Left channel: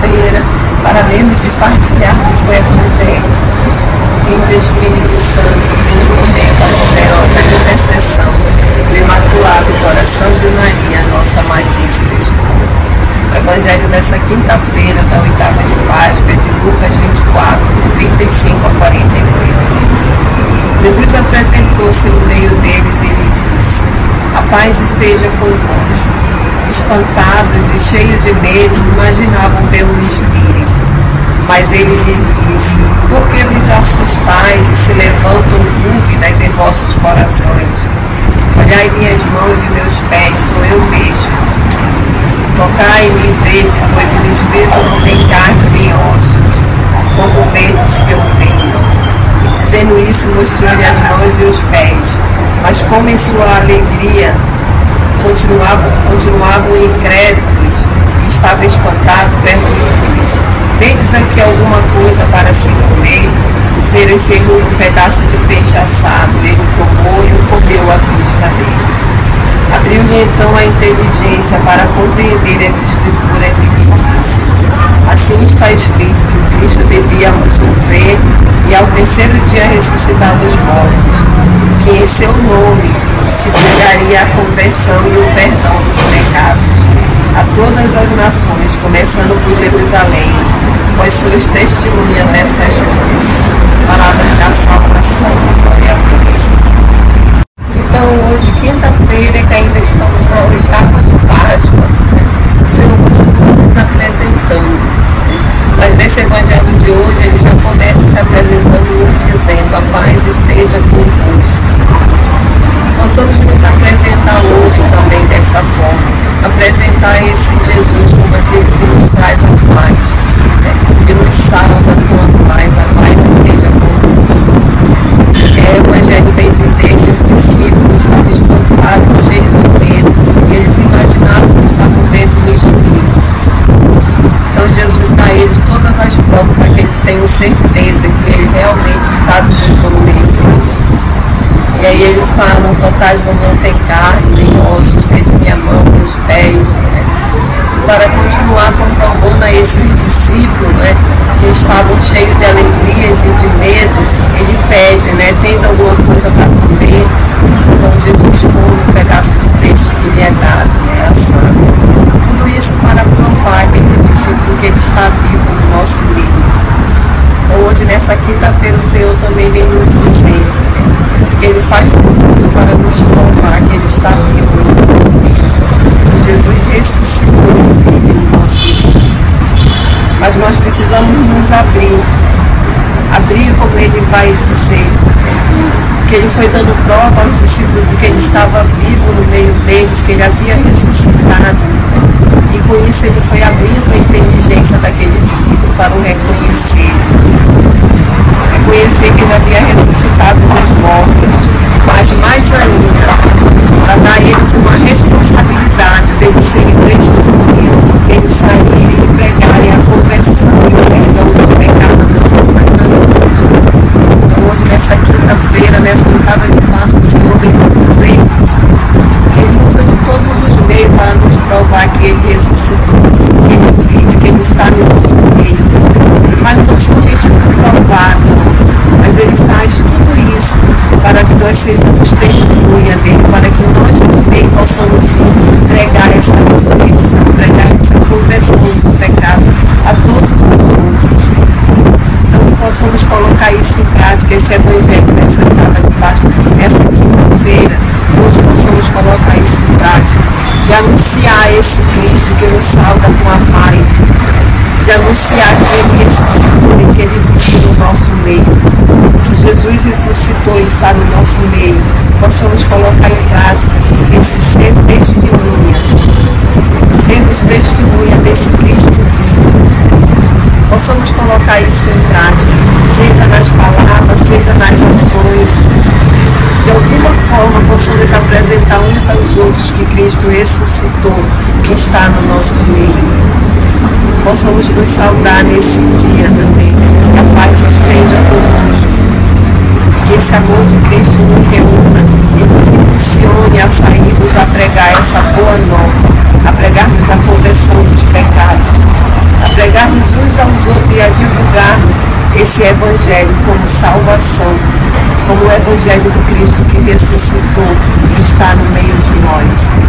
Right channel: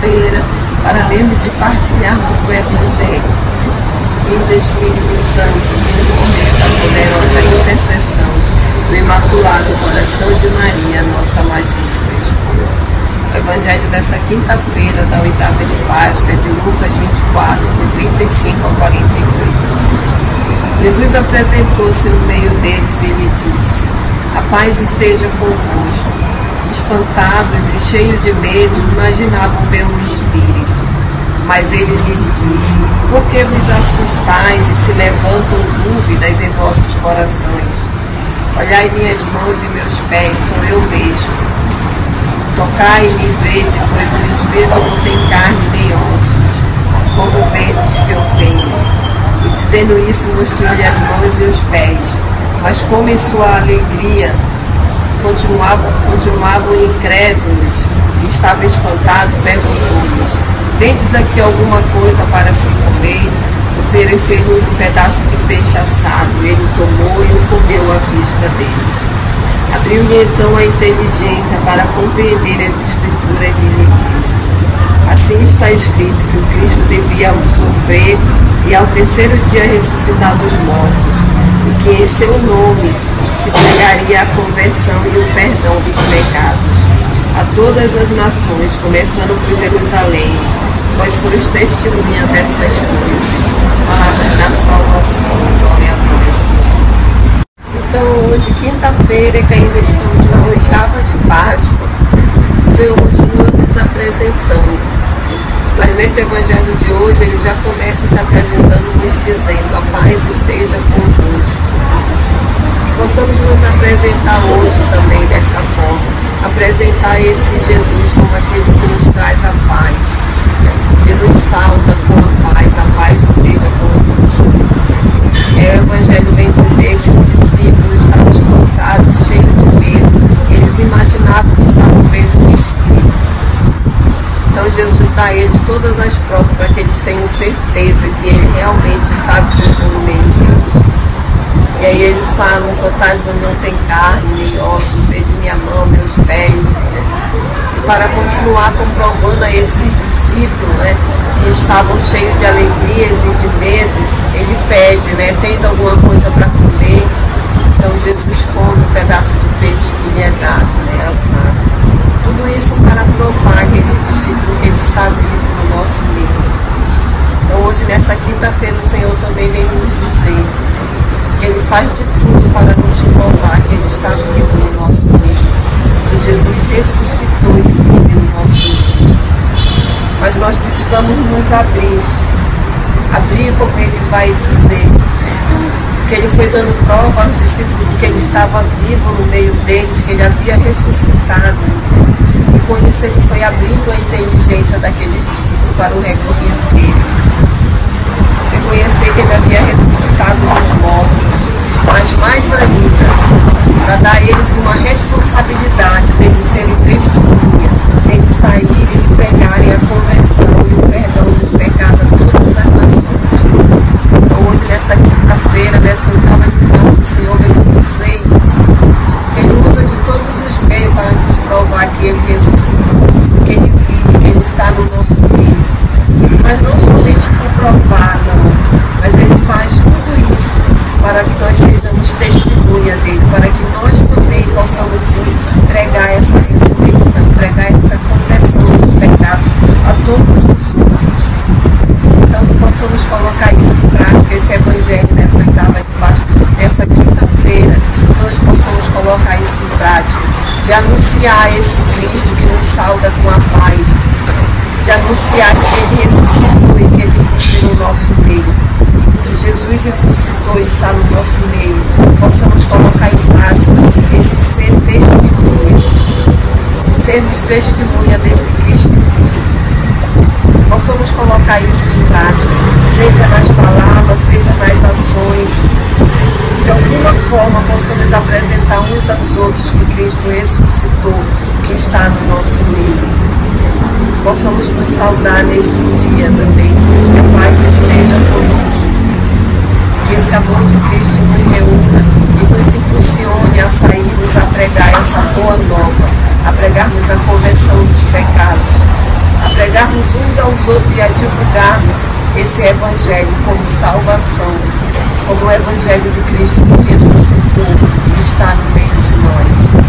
quinta-feira para lermos e partilharmos o Evangelho. Vinde Espírito Santo, vinde momento a poderosa intercessão do Imaculado Coração de Maria, nossa amadíssima esposa. O Evangelho dessa quinta-feira, da oitava de Páscoa, é de Lucas 24, de 35 a 48. Jesus apresentou-se no meio deles e lhe disse: a paz esteja convosco. Espantados e cheios de medo, imaginavam ver um espírito. Mas ele lhes disse: por que vos assustais e se levantam dúvidas em vossos corações? Olhai minhas mãos e meus pés, sou eu mesmo. Tocai-me e vede, pois o espírito não tem carne nem ossos, como vedes que eu tenho. E dizendo isso, mostrou-lhe as mãos e os pés. Mas como em sua alegria continuavam incrédulos e estava espantado, perguntou-lhes: tendes aqui alguma coisa para se comer? Ofereceram um pedaço de peixe assado. Ele tomou e o comeu à vista deles. Abriu-lhe então a inteligência para compreender as Escrituras e lhe disse: assim está escrito que o Cristo devia sofrer e ao terceiro dia ressuscitar dos mortos, e que em seu nome se pregaria a conversão e o perdão dos pecados a todas as nações, começando por Jerusalém, pois sois testemunha destas coisas. Palavra da salvação e glória a vós. Então, hoje, quinta-feira, que ainda estamos na oitava de Páscoa, o Senhor continua nos apresentando. Mas nesse Evangelho de hoje, ele já começa se apresentando, nos dizendo: a paz esteja convosco. Possamos nos apresentar hoje também dessa forma, apresentar esse Jesus como aquele que nos traz a paz, que nos salva com a paz esteja convosco. O Evangelho vem dizer que os discípulos estavam espantados, cheios de medo, porque eles imaginavam que estavam vendo um espírito. Então Jesus dá a eles todas as provas para que eles tenham certeza que ele realmente está vivo no meio deles. E aí ele fala: um fantasma não tem carne nem ossos, vede minha mão, meus pés, para continuar comprovando a esses discípulos, que estavam cheios de alegrias e de medo. Ele pede: tens alguma coisa para comer? Então Jesus come um pedaço de peixe que lhe é dado, assado. Tudo isso para provar aquele discípulo que ele está vivo no nosso meio. Então hoje, nessa quinta-feira, o Senhor também vem nos dizer que ele faz de tudo para nos provar que ele está vivo no nosso meio. Que Jesus ressuscitou e vive no nosso meio. Mas nós precisamos nos abrir, como ele vai dizer, que ele foi dando prova aos discípulos de que ele estava vivo no meio deles, que ele havia ressuscitado. E com isso ele foi abrindo a inteligência daqueles discípulos para o reconhecer. Reconhecer que ele havia ressuscitado dos mortos, mas mais ainda, para dar a eles uma responsabilidade de eles serem testemunhas, eles saírem e pregarem a conversão e o perdão dos pecados a todas as nações. Então hoje, nessa quinta-feira, nessa oitava de Páscoa, o Senhor vem nos dizer isso, que ele usa de todos os meios para nos provar que ele ressuscitou, que ele vive, que ele está no nosso meio. Mas não somente por provar, mas ele faz tudo isso para que nós sejamos testemunha dele, para que nós também possamos pregar essa ressurreição, pregar essa conversão dos pecados a todos os outros. Então possamos colocar isso em prática, esse Evangelho nessa oitava de Páscoa, nessa quinta-feira, hoje possamos colocar isso em prática, de anunciar esse Cristo que nos salva com a paz, de anunciar que ele ressuscitou e que ele vive no nosso meio, que Jesus ressuscitou e está no nosso meio. Possamos colocar em prática esse ser testemunha, de sermos testemunha desse Cristo vivo. Possamos colocar isso em prática, seja nas palavras, seja nas ações. De alguma forma possamos apresentar uns aos outros que Cristo ressuscitou, que está no nosso meio. Possamos nos saudar nesse dia também, que a paz esteja conosco, que esse amor de Cristo nos reúna e nos impulsione a sairmos a pregar essa boa nova, a pregarmos a conversão dos pecados, a pregarmos outros e a divulgarmos esse Evangelho como salvação, como o Evangelho do Cristo que ressuscitou e está no meio de nós.